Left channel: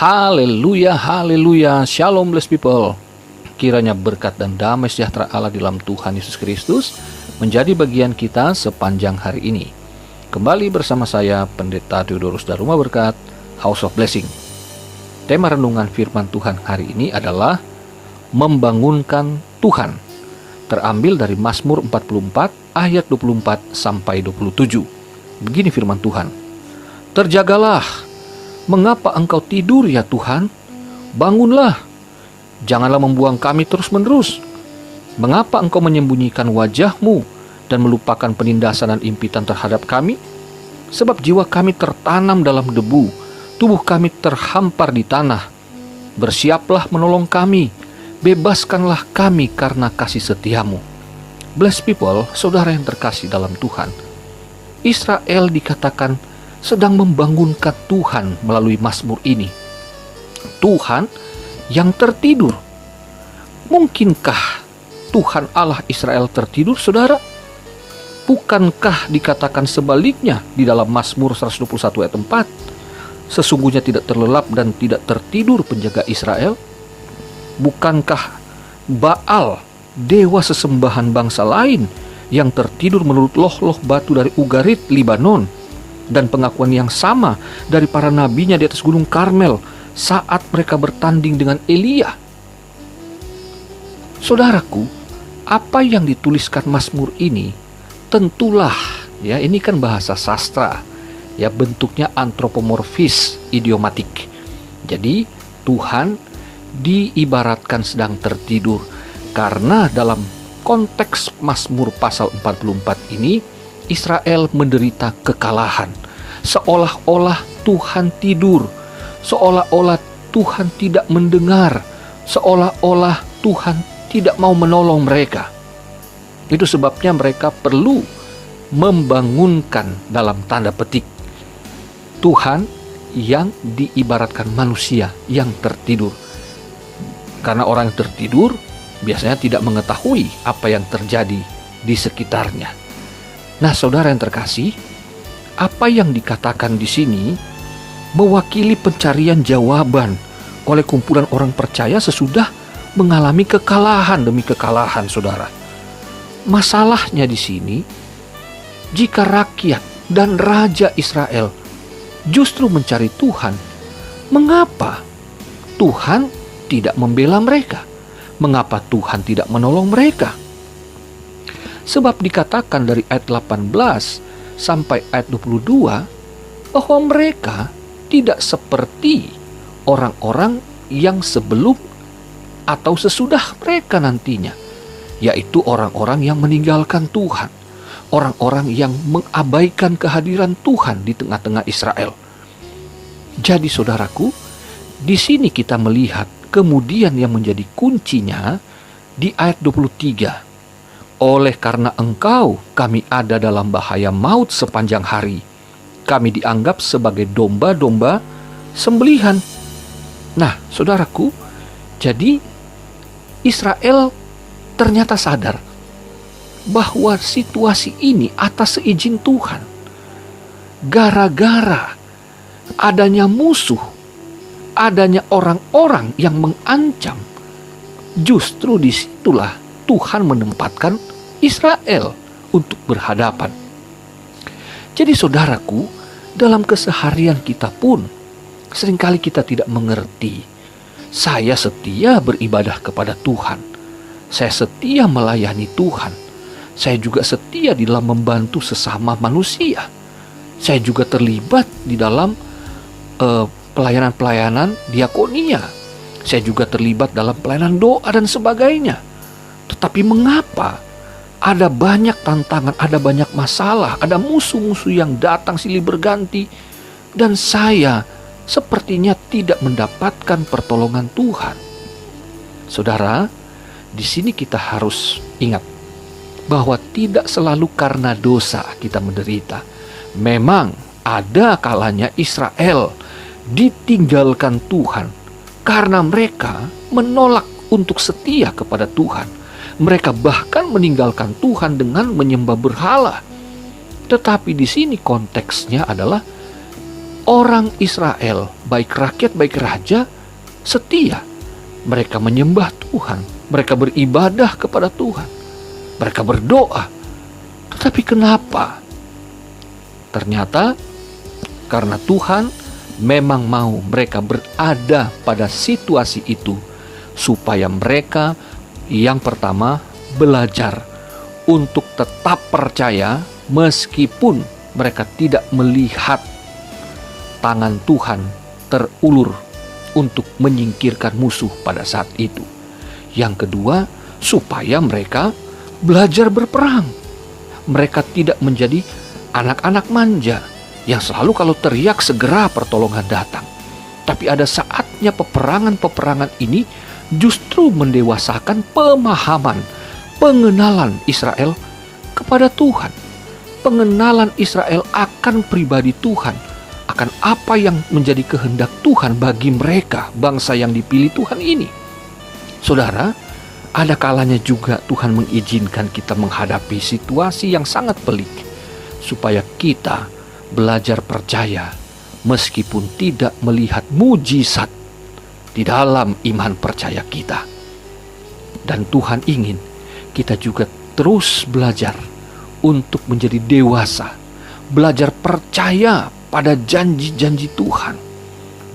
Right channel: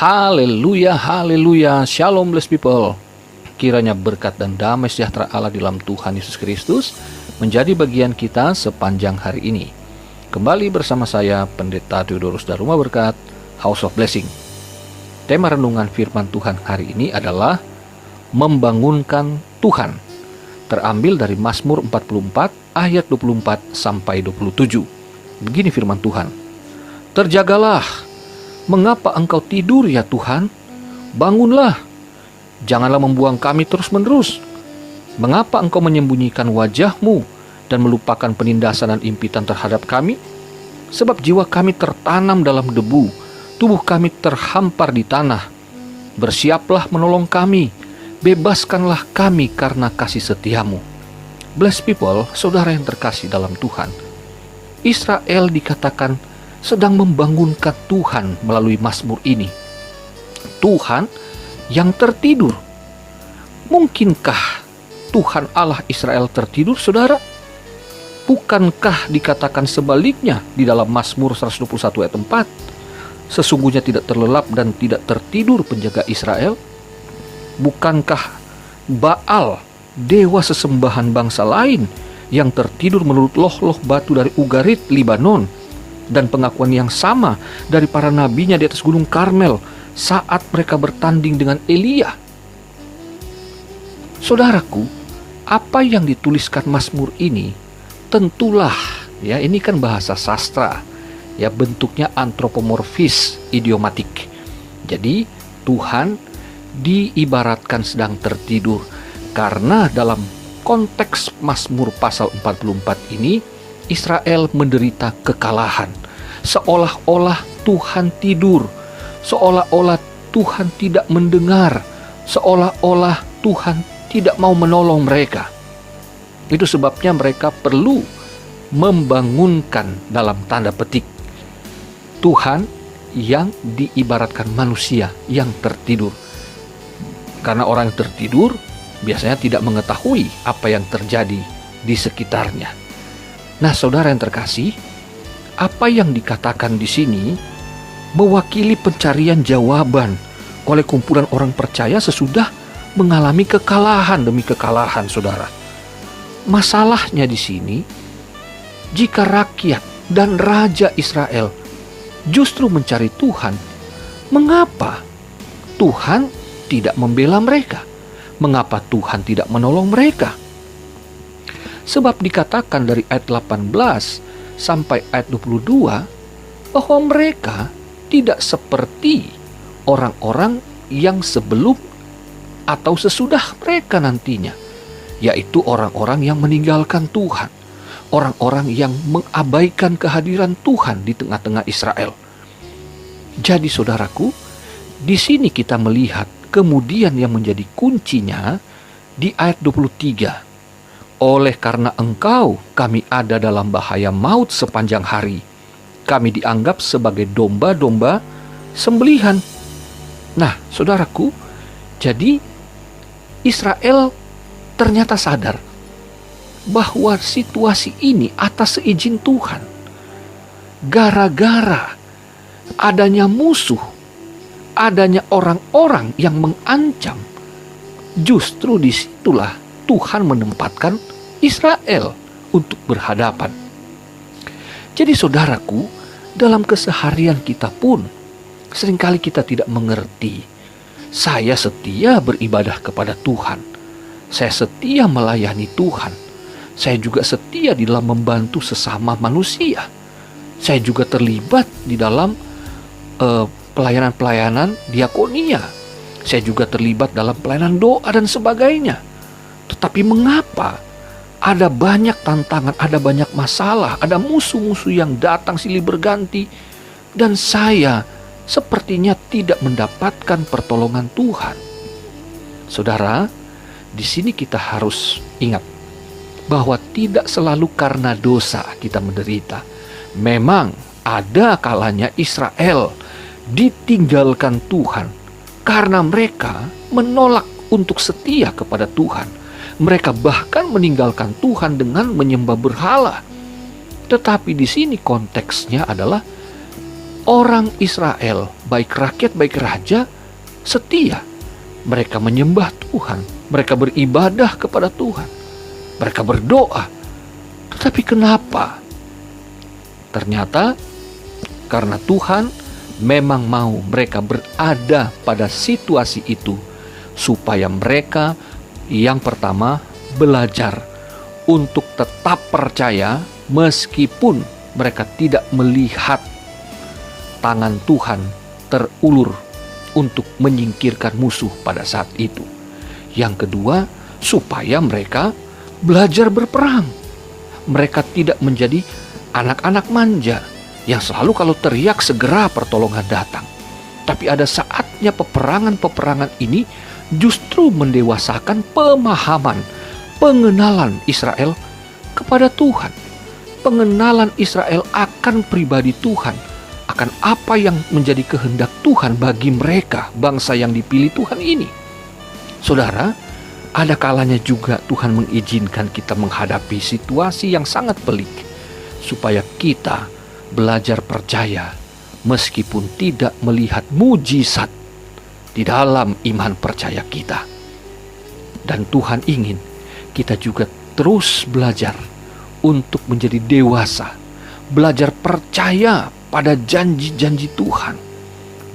Haleluya, haleluya, shalom blessed people. Kiranya berkat dan damai sejahtera Allah dalam Tuhan Yesus Kristus menjadi bagian kita sepanjang hari ini. Kembali bersama saya, Pendeta Theodorus Daruma Berkat, House of Blessing. Tema renungan firman Tuhan hari ini adalah membangunkan Tuhan. Terambil dari Mazmur 44 ayat 24 sampai 27. Begini firman Tuhan. Terjagalah, mengapa engkau tidur ya Tuhan? Bangunlah, janganlah membuang kami terus-menerus. Mengapa engkau menyembunyikan wajahmu dan melupakan penindasan dan impitan terhadap kami? Sebab jiwa kami tertanam dalam debu, tubuh kami terhampar di tanah. Bersiaplah menolong kami, bebaskanlah kami karena kasih setiamu. Blessed people, saudara yang terkasih dalam Tuhan, Israel dikatakan sedang membangunkan Tuhan melalui Mazmur ini. Tuhan yang tertidur. Mungkinkah Tuhan Allah Israel tertidur, saudara? Bukankah dikatakan sebaliknya di dalam Mazmur 121 ayat 4? Sesungguhnya tidak terlelap dan tidak tertidur penjaga Israel. Bukankah Baal, dewa sesembahan bangsa lain, yang tertidur menurut loh-loh batu dari Ugarit, Libanon, dan pengakuan yang sama dari para nabinya di atas gunung Karmel saat mereka bertanding dengan Elia? Saudaraku, apa yang dituliskan Mazmur ini tentulah, ya, ini kan bahasa sastra, ya, bentuknya antropomorfis, idiomatik. Jadi Tuhan diibaratkan sedang tertidur karena dalam konteks Mazmur pasal 44 ini Israel menderita kekalahan. Seolah-olah Tuhan tidur, seolah-olah Tuhan tidak mendengar, seolah-olah Tuhan tidak mau menolong mereka. Itu sebabnya mereka perlu membangunkan dalam tanda petik Tuhan yang diibaratkan manusia yang tertidur. Karena orang tertidur biasanya tidak mengetahui apa yang terjadi di sekitarnya. Nah, saudara yang terkasih, apa yang dikatakan di sini mewakili pencarian jawaban oleh kumpulan orang percaya sesudah mengalami kekalahan demi kekalahan, saudara. Masalahnya di sini, jika rakyat dan raja Israel justru mencari Tuhan, mengapa Tuhan tidak membela mereka? Mengapa Tuhan tidak menolong mereka? Sebab dikatakan dari ayat 18 sampai ayat 22 bahwa mereka tidak seperti orang-orang yang sebelum atau sesudah mereka nantinya, yaitu orang-orang yang meninggalkan Tuhan, orang-orang yang mengabaikan kehadiran Tuhan di tengah-tengah Israel. Jadi saudaraku, di sini kita melihat kemudian yang menjadi kuncinya di ayat 23. Oleh karena engkau, kami ada dalam bahaya maut sepanjang hari. Kami dianggap sebagai domba-domba sembelihan. Nah, saudaraku, jadi Israel ternyata sadar bahwa situasi ini atas seizin Tuhan. Gara-gara adanya musuh, adanya orang-orang yang mengancam, justru disitulah Tuhan menempatkan Israel untuk berhadapan. Jadi saudaraku, dalam keseharian kita pun seringkali kita tidak mengerti. Saya setia beribadah kepada Tuhan. Saya setia melayani Tuhan. Saya juga setia di dalam membantu sesama manusia. Saya juga terlibat di dalam pelayanan-pelayanan diakonia. Saya juga terlibat dalam pelayanan doa dan sebagainya. Tetapi mengapa ada banyak tantangan, ada banyak masalah, ada musuh-musuh yang datang silih berganti, dan saya sepertinya tidak mendapatkan pertolongan Tuhan? Saudara, di sini kita harus ingat bahwa tidak selalu karena dosa kita menderita. Memang ada kalanya Israel ditinggalkan Tuhan karena mereka menolak untuk setia kepada Tuhan. Mereka bahkan meninggalkan Tuhan dengan menyembah berhala. Tetapi di sini konteksnya adalah orang Israel baik rakyat, baik raja, setia. Mereka menyembah Tuhan, mereka beribadah kepada Tuhan, mereka berdoa. Tetapi kenapa? Ternyata karena Tuhan memang mau mereka berada pada situasi itu, supaya mereka yang pertama belajar untuk tetap percaya meskipun mereka tidak melihat tangan Tuhan terulur untuk menyingkirkan musuh pada saat itu. Yang kedua, supaya mereka belajar berperang. Mereka tidak menjadi anak-anak manja yang selalu kalau teriak segera pertolongan datang. Tapi ada saatnya peperangan-peperangan ini justru mendewasakan pemahaman, pengenalan Israel kepada Tuhan. Pengenalan Israel akan pribadi Tuhan, akan apa yang menjadi kehendak Tuhan bagi mereka, bangsa yang dipilih Tuhan ini. Saudara, ada kalanya juga Tuhan mengizinkan kita menghadapi situasi yang sangat pelik, supaya kita belajar percaya meskipun tidak melihat mujizat di dalam iman percaya kita. Dan Tuhan ingin kita juga terus belajar untuk menjadi dewasa, belajar percaya pada janji-janji Tuhan,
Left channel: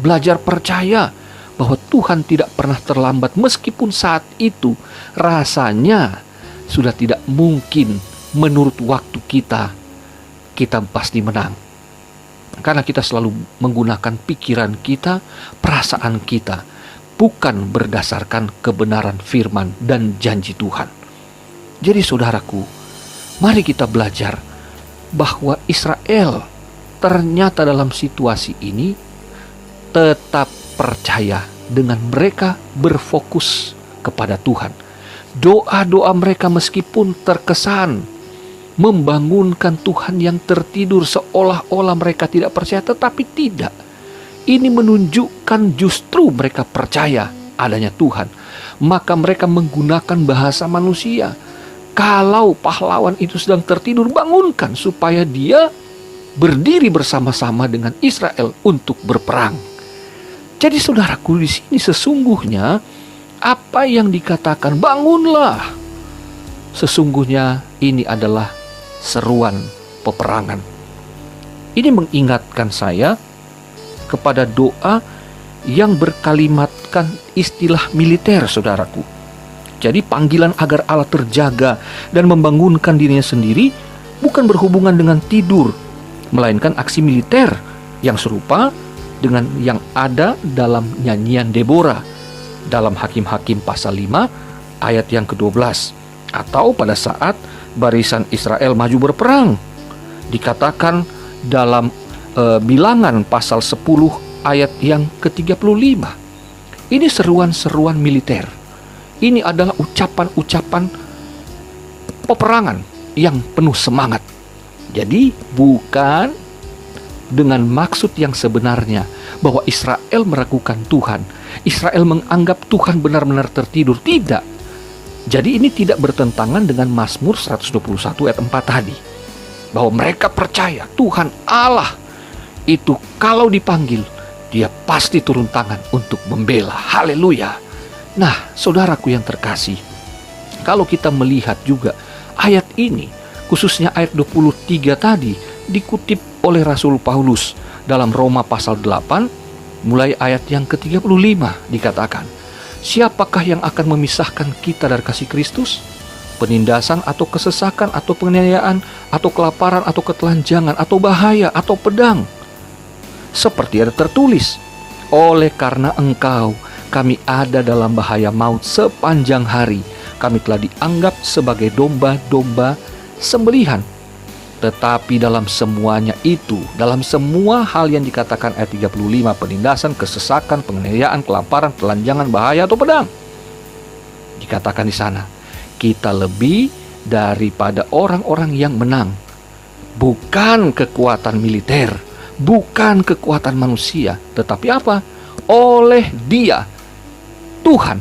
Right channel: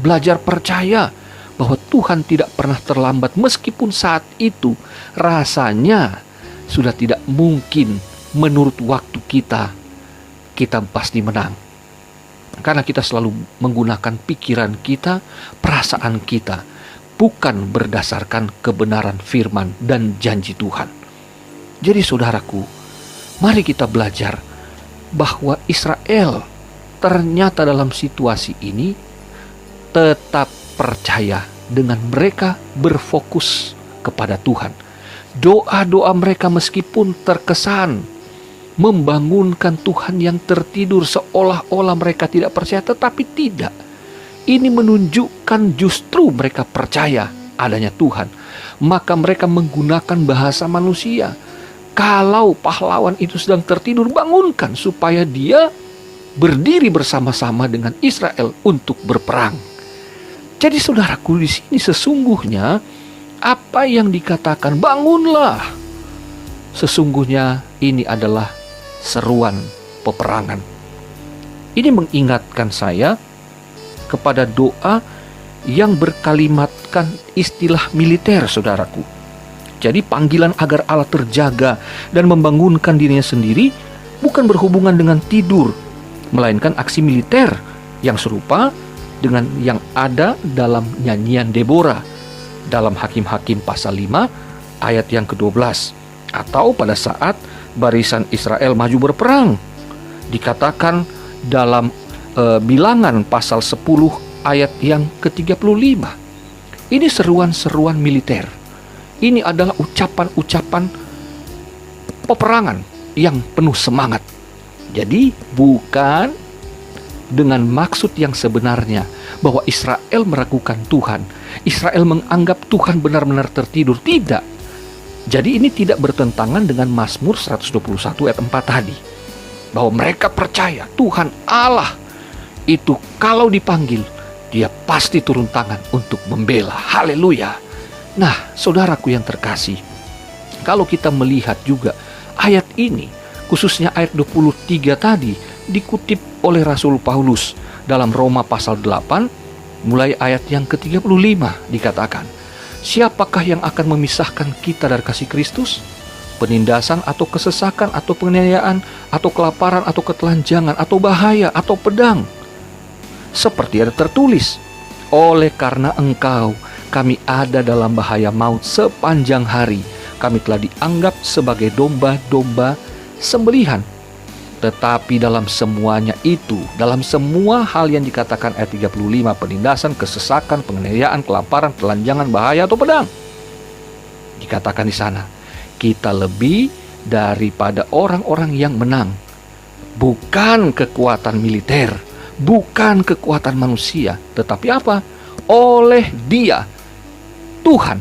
belajar percaya bahwa Tuhan tidak pernah terlambat meskipun saat itu rasanya sudah tidak mungkin menurut waktu kita pasti menang. Karena kita selalu menggunakan pikiran kita, perasaan kita, bukan berdasarkan kebenaran firman dan janji Tuhan. Jadi saudaraku, mari kita belajar bahwa Israel ternyata dalam situasi ini tetap percaya dengan mereka berfokus kepada Tuhan. Doa-doa mereka meskipun terkesan membangunkan Tuhan yang tertidur seolah-olah mereka tidak percaya, tetapi tidak. Ini menunjukkan justru mereka percaya adanya Tuhan. Maka mereka menggunakan bahasa manusia. Kalau pahlawan itu sedang tertidur, bangunkan supaya dia berdiri bersama-sama dengan Israel untuk berperang. Jadi saudaraku, di sini sesungguhnya apa yang dikatakan bangunlah, sesungguhnya ini adalah seruan peperangan. Ini mengingatkan saya kepada doa yang berkalimatkan istilah militer, saudaraku. Jadi panggilan agar Allah terjaga dan membangunkan dirinya sendiri bukan berhubungan dengan tidur, melainkan aksi militer yang serupa dengan yang ada dalam nyanyian Deborah dalam Hakim-Hakim pasal 5 ayat yang ke-12, atau pada saat barisan Israel maju berperang dikatakan dalam Bilangan pasal 10 ayat yang ke-35. Ini seruan-seruan militer. Ini adalah ucapan-ucapan peperangan yang penuh semangat. Jadi bukan dengan maksud yang sebenarnya bahwa Israel meragukan Tuhan, Israel menganggap Tuhan benar-benar tertidur. Tidak. Jadi ini tidak bertentangan dengan Mazmur 121 ayat 4 tadi, bahwa mereka percaya Tuhan Allah itu kalau dipanggil, dia pasti turun tangan untuk membela. Haleluya. Nah, saudaraku yang terkasih, kalau kita melihat juga ayat ini, khususnya ayat 23 tadi, dikutip oleh Rasul Paulus dalam Roma pasal 8, mulai ayat yang ke-35 dikatakan, siapakah yang akan memisahkan kita dari kasih Kristus? Penindasan atau kesesakan atau penganiayaan atau kelaparan atau ketelanjangan atau bahaya atau pedang? Seperti ada tertulis, oleh karena engkau kami ada dalam bahaya maut sepanjang hari. Kami telah dianggap sebagai domba-domba sembelihan. Tetapi dalam semuanya itu, dalam semua hal yang dikatakan ayat 35, penindasan, kesesakan, penganiayaan, kelaparan, telanjangan, bahaya atau pedang, dikatakan di sana, kita lebih daripada orang-orang yang menang. Bukan kekuatan militer, bukan kekuatan manusia, tetapi apa? Oleh Dia, Tuhan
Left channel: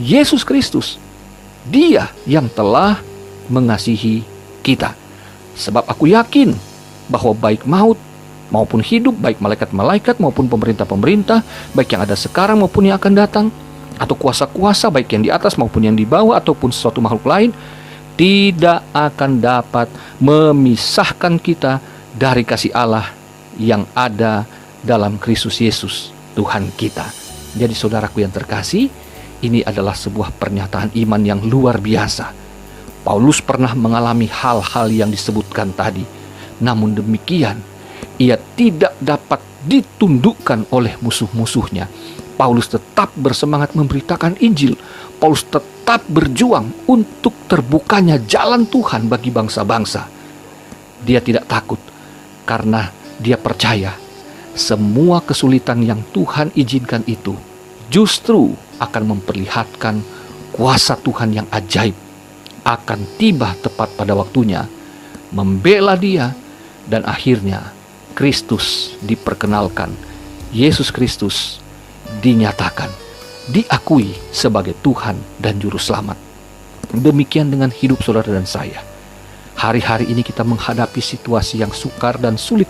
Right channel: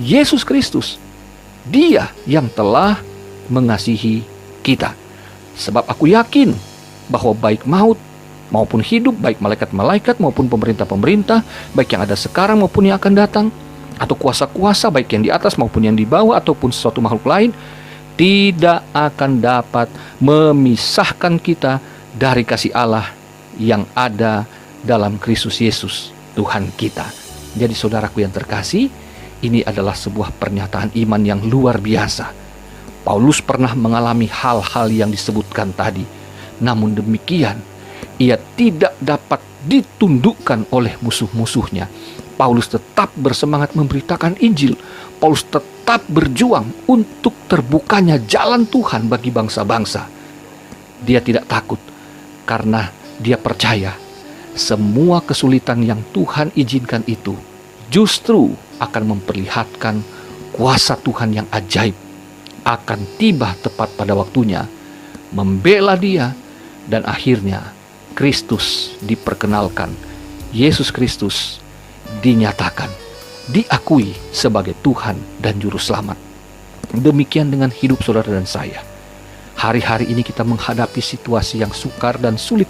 Yesus Kristus. Dia yang telah mengasihi kita. Sebab aku yakin bahwa baik maut maupun hidup, baik malaikat-malaikat maupun pemerintah-pemerintah, baik yang ada sekarang maupun yang akan datang, atau kuasa-kuasa baik yang di atas maupun yang di bawah, ataupun sesuatu makhluk lain, tidak akan dapat memisahkan kita dari kasih Allah yang ada dalam Kristus Yesus, Tuhan kita. Jadi saudaraku yang terkasih, ini adalah sebuah pernyataan iman yang luar biasa. Paulus pernah mengalami hal-hal yang disebutkan tadi. Namun demikian, ia tidak dapat ditundukkan oleh musuh-musuhnya. Paulus tetap bersemangat memberitakan Injil. Paulus tetap berjuang untuk terbukanya jalan Tuhan bagi bangsa-bangsa. Dia tidak takut karena dia percaya semua kesulitan yang Tuhan izinkan itu justru akan memperlihatkan kuasa Tuhan yang ajaib akan tiba tepat pada waktunya, membela dia, dan akhirnya Kristus diperkenalkan, Yesus Kristus dinyatakan, diakui sebagai Tuhan dan Juru Selamat. Demikian dengan hidup saudara dan saya. Hari-hari ini kita menghadapi situasi yang sukar dan sulit,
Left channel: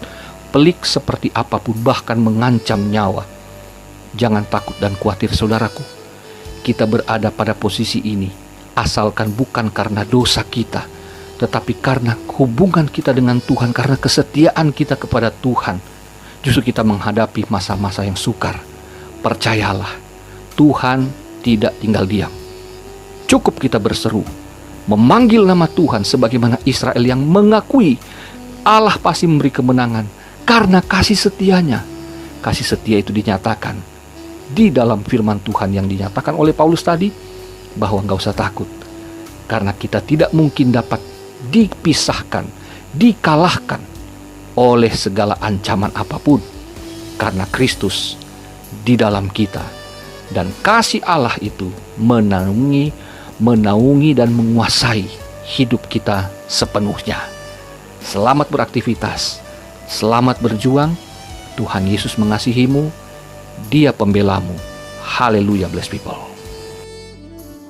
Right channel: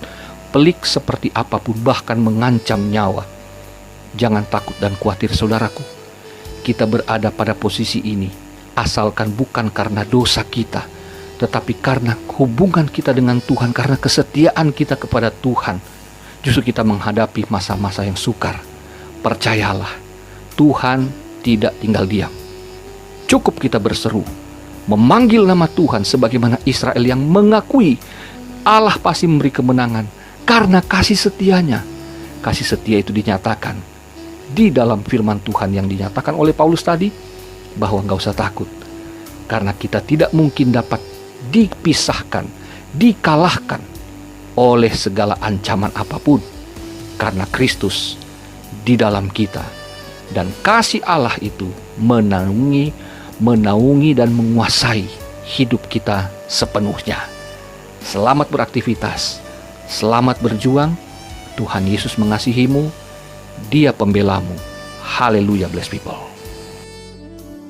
pelik seperti apapun, bahkan mengancam nyawa. Jangan takut dan khawatir saudaraku. Kita berada pada posisi ini asalkan bukan karena dosa kita, tetapi karena hubungan kita dengan Tuhan, karena kesetiaan kita kepada Tuhan. Justru kita menghadapi masa-masa yang sukar. Percayalah, Tuhan tidak tinggal diam. Cukup kita berseru, memanggil nama Tuhan sebagaimana Israel yang mengakui Allah pasti memberi kemenangan karena kasih setianya. Kasih setia itu dinyatakan di dalam firman Tuhan yang dinyatakan oleh Paulus tadi, bahwa gak usah takut, karena kita tidak mungkin dapat dipisahkan, dikalahkan oleh segala ancaman apapun, karena Kristus di dalam kita, dan kasih Allah itu menaungi dan menguasai hidup kita sepenuhnya. Selamat beraktivitas, selamat berjuang. Tuhan Yesus mengasihimu, Dia pembelamu. Haleluya, blessed people.